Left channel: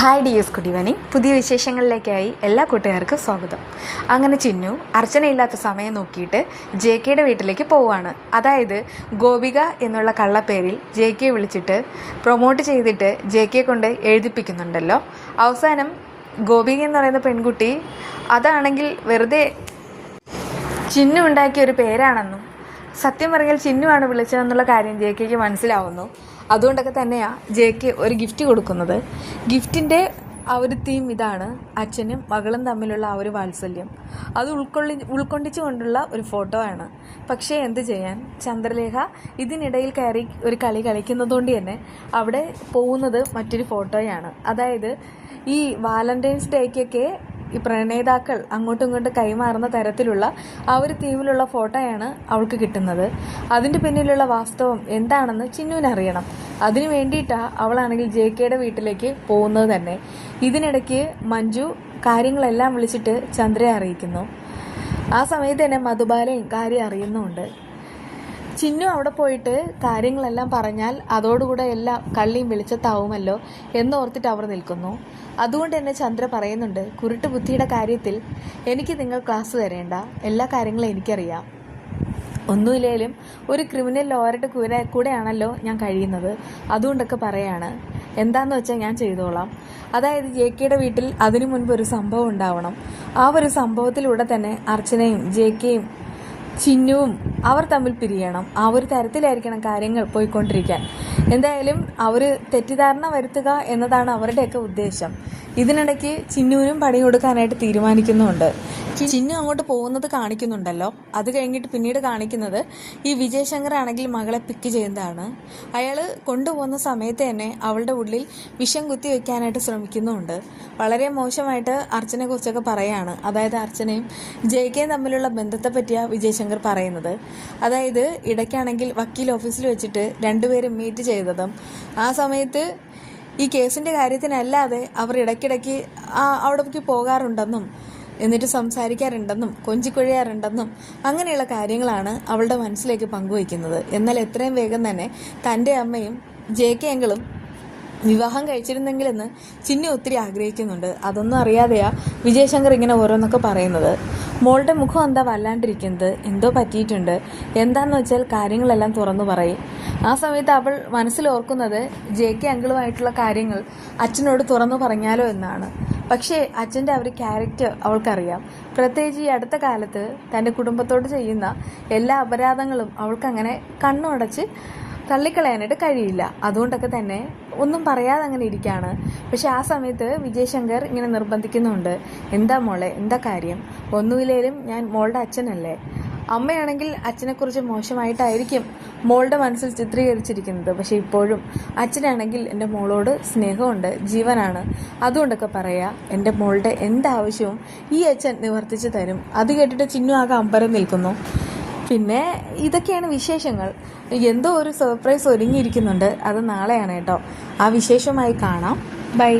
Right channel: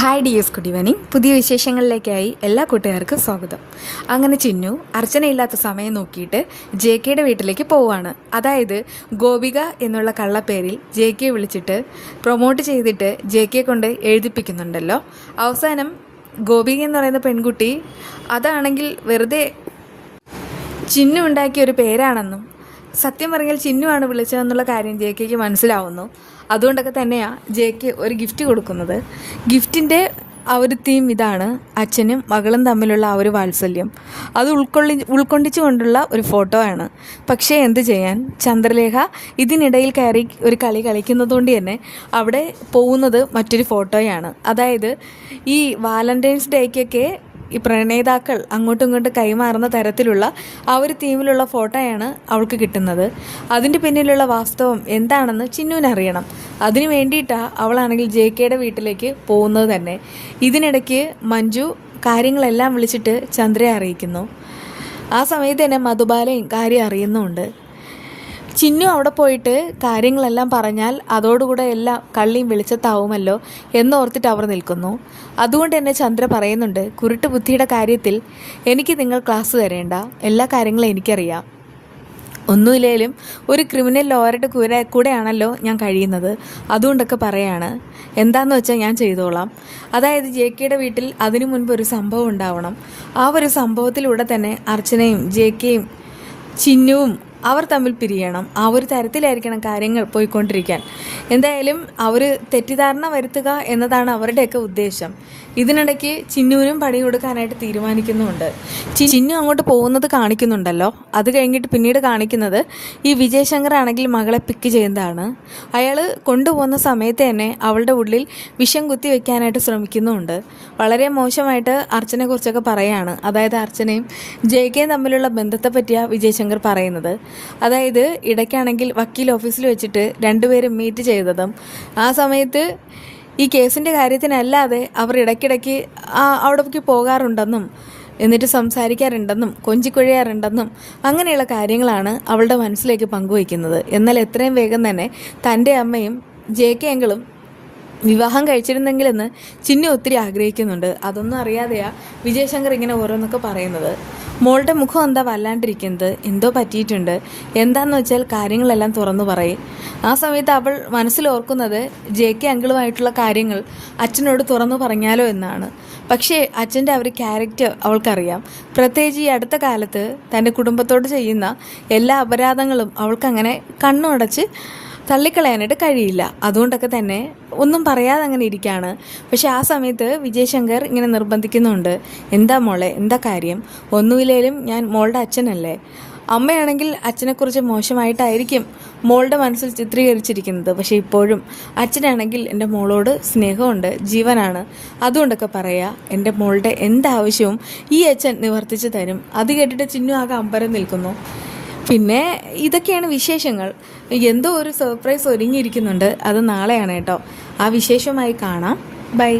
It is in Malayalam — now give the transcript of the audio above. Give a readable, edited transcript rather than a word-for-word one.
Hi dears, good evening. പുതിയ വിശേഷങ്ങളിലേക്കായി എല്ലാ കൂട്ടുകാർക്കും സ്വാഗതം. അങ്ങനെ ചിന്നു അർച്ചനയില്ലാത്ത സമയം നോക്കിയിട്ട് ജെ കെയുടെ വീട്ടിലേക്ക് പോവുകയാണ്. അതായത് ഗോപിക എന്നുള്ള കള്ളപ്പേരിൽ ജെ കെ വിളിച്ചിട്ട് പ്രൊമോട്ട് ചെയ്തിട്ട് ജെ കെ കൊണ്ട് എഴുതിപ്പിക്കുന്നുണ്ടല്ലോ. അവസാനം ഗോപിക എന്ന് പറയുന്ന പെൺകുട്ടി അതാണെങ്കിൽ വെറുതെ ചിന്നു ഉണ്ടാക്കിയ ഒരു പേരാണെന്നും സത്യം പറഞ്ഞാൽ ചിന്നുവാണ് വിളിച്ചതെന്നുള്ള കാര്യം ജെ കെക്ക് മനസ്സിലാവുന്നു. അതുകൊണ്ടൊക്കെ തന്നെയാണ് ജെ കെ ഒരു ഗിഫ്റ്റ് കൊടുക്കുന്നത്. ഗിഫ്റ്റിൻ്റെ ആ ഒരു തീം ഇതാണ്: അച്ഛനും മകളും തമ്മിലുള്ള ആ ഒരു വാത്സല്യം. അത് ഉൾക്കൊണ്ടിച്ചുകൊണ്ടുള്ള ഒരു ഫോട്ടോ ആണ്. പക്ഷേ എന്ത് ചെയ്യാൻ, ചന്ദ്രലേഖ ഇതിനിടയിൽ കയറി ഒരു കളി കളിക്കുന്നതുകൊണ്ട് തന്നെ അവിടെ പോകുന്നത് മറ്റൊരു ഫോട്ടോയാണ്. അതായത് ഈ വാലന്റൈൻസ് ഡേക്കൊക്കെ ഈ പ്രണേതാക്കൾ അങ്ങോട്ടും ഇങ്ങോട്ടും കൈമാറുന്ന തരത്തിലുള്ള ആ ഒരു തീമിലുള്ള ഫോട്ടോയാണ് അവൾക്ക് കിട്ടുന്നത്. അതിൻ്റെ പിന്നിലുള്ള വാസ്തവം എന്താണെന്ന് ചിന്നുവിനറിയണം. അതിനു വേണ്ടിയിട്ടാണ് അവളാണെങ്കിൽ ജെ കെയുടെ വീട്ടിലേക്ക് പോകുന്നത് തന്നെ. ഇതിനിടയ്ക്ക് മഞ്ജു കാര്യങ്ങളെല്ലാം വിളിച്ചിട്ട് ചന്ദ്രയെ അറിയിക്കുന്നു. ആ സമയത്ത് തന്നെ മധുബാലയും കാര്യം അറിയുന്നുമുണ്ട്. ചിന്നു അവിടെ പോയിട്ട് കാര്യങ്ങളെല്ലാം പറഞ്ഞാൽ അതോടുകൂടെ എല്ലാം കള്ളിയും വെളിച്ചത്താവുമല്ലോ എന്നോർത്തിട്ട് അവർ നിൽക്കുന്നു. അതുകൊണ്ട് തന്നെ ചന്ദ്ര പറയുന്നുണ്ട്, കുരുട്ട് ബുദ്ധിയുടെ കാര്യത്തിൽ എനിക്ക് നിങ്ങൾ ക്ലാസ് തരേണ്ട, എല്ലാ കാര്യങ്ങളും എനിക്കറിയാം. ഒന്നുമില്ലേലും ഒരു ക്രിമിനൽ ലോയറുടെ കൂടെയാണല്ലോ ഞാൻ കഴിയുന്നത്, അതുകൊണ്ടൊക്കെ പറയാണ്. എന്താണെന്ന് വെച്ചാൽ ഞാൻ ചെയ്തോളാം. അതായത് ജെ കെയുടെ വീട്ടിൽ അതിനു മുൻപ് ഒരു സംഭവം ഉണ്ടാവണം. ആ ഒരു സംഭവത്തിലൂടെ തന്നെ അർച്ചനയും ജെ കെയും ചിന്നുവും അവർ തമ്മിൽ പിരിയണം. ആ ഒരു തരത്തിലായിരിക്കണം കാര്യങ്ങൾ പോയിക്കൊണ്ടിരിക്കാൻ. എന്തായാലും അവർ തെറ്റിദ്ധാരണ വരുത്തുക എന്നതാണ് അവരുടെയൊക്കെ ഉദ്ദേശം. ഇതിനിടയ്ക്ക് ചിന്നുവിനും പണി കൊടുക്കാനായിട്ട് തീരുമാനിക്കുന്നുമുണ്ട്. ചിന്നു അങ്ങോട്ട് പോകുന്നത് കാണിക്കുന്നുണ്ടല്ലോ. അത് കഴിഞ്ഞിട്ട് പിന്നീട് കാണിക്കുന്നത് ഈ വിജയശങ്കർ ആണെങ്കിൽ മകളെ പിക്ക് ചെയ്യുന്നതാണ്. അയാൾ കൊണ്ടുപോകുന്ന സമയത്ത് തന്നെ അവളുടെ ഉള്ളിൽ വിഷം കുത്തി വെക്കാനായിട്ട് ശ്രമിക്കുന്നുമുണ്ട്. വളരെ മോശമായിട്ട് അർച്ചനെ കുറിച്ചൊക്കെ പറയാണ്. അതായത് അർച്ചനയും ജെ കെയും തമ്മിലുള്ള ബന്ധത്തെ പറ്റിയാണ് വിജയശങ്കർ പറയുന്നത്. അതായത് ഇടയ്ക്കാണെങ്കിൽ വക്കീൽ ഓഫീസിൽ വെച്ചിട്ട് രണ്ടുപേരും മീറ്റ് ചെയ്തതും ആ സമയത്ത് ഈ കേസിൻ്റെ കാര്യത്തിനല്ലാതെ അവർ ഇടയ്ക്കിടയ്ക്ക് അവിടേക്ക് പോകാറുണ്ടെന്നും എന്നിട്ട് സംസാരിക്കാറുണ്ടെന്നും കൊഞ്ചിക്കൊഴിയാറുണ്ടെന്നും അങ്ങനെയുള്ള കാര്യങ്ങളാണ് അവളുടെ മനസ്സിലേക്ക് പങ്കുവയ്ക്കുന്നത്. എന്നാൽ എത്രയും വേഗം തന്നെ തൻ്റെ അമ്മയും ജെ കെ അങ്കിളും വിവാഹം കഴിച്ചിരുന്നെങ്കിലെന്ന് ചിന്നു ഒത്തിരി ആഗ്രഹിക്കുന്നുണ്ട്. അതൊന്നും അറിയാതെയാ വിജയശങ്കർ ഇങ്ങനെ ഓരോന്നൊക്കെ പറയുന്നത്. മോളുടെ മുഖം എന്താ വല്ലാണ്ടിരിക്കുന്നത്, എന്തോ പറ്റിയിട്ടുണ്ട്, എന്താണെന്ന് വെച്ചാൽ കാര്യങ്ങളെല്ലാം തുറന്നു പറയും. ആ സമയത്ത് അവൾ മനസ്സിലോർക്കുന്നത് ജെ കെ അങ്കിളുമായിട്ടുള്ള കാര്യങ്ങൾ അച്ഛനോട് തുറന്നു പറഞ്ഞാലോ എന്നാണ്. പക്ഷേ അച്ഛൻ്റെ ആ ഒരു ക്യാരക്ടർ അവൾക്കറിയാം. പ്രത്യേകിച്ച് ഈ അടുത്ത കാലത്ത് തൻ്റെ കുടുംബത്തോട് ചെയ്യുന്ന എല്ലാ അപരാധങ്ങളും അവൾക്കങ്ങനെ കണ്ണുടച്ച് തള്ളിക്കളയാനായിട്ട് കഴിയില്ല. അതുകൊണ്ടൊക്കെ തന്നെ ഒന്നും പറയാതെ അങ്ങനെ ഇരിക്കുകയാണ്. പക്ഷെ ആ സമയത്ത് വിജയശങ്കർ ഇങ്ങനെ നിർബന്ധിക്കുന്നുണ്ട്, എന്താ മോളെ, എന്താ കാര്യം, ഒന്നുമില്ലേലും ഞാൻ മോളുടെ അച്ഛനല്ലേ. അമ്മയാണെങ്കിൽ അച്ഛനെക്കുറിച്ച് മോശമായിട്ടായിരിക്കും മോളുടെ മനസ്സിൽ ചിത്രീകരിച്ചിരിക്കുന്നത്. പക്ഷേ ഇപ്പോഴും അച്ഛനാണെങ്കിൽ എൻ്റെ മോളോട് സ്നേഹമുണ്ട്, ജീവനാണ്. അതുകൊണ്ടൊക്കെ പറയാം, എൻ്റെ മോളുടെ എന്താവശ്യവും ഈ അച്ഛൻ നിവർത്തിച്ച് തരും. അത് കേട്ടിട്ട് ചിന്നു ആകെ അമ്പരം നിൽക്കുന്നു. പിന്നെ ഇതൊക്കെയാണ് വിശേഷങ്ങൾ. എന്തോ ഒരു സർപ്രൈസ് ഒരുങ്ങിയിരിക്കുന്നുണ്ട്. അത് നാളെയാണ് കേട്ടോ. ആ വിശേഷമായി കാണാം. ബൈ.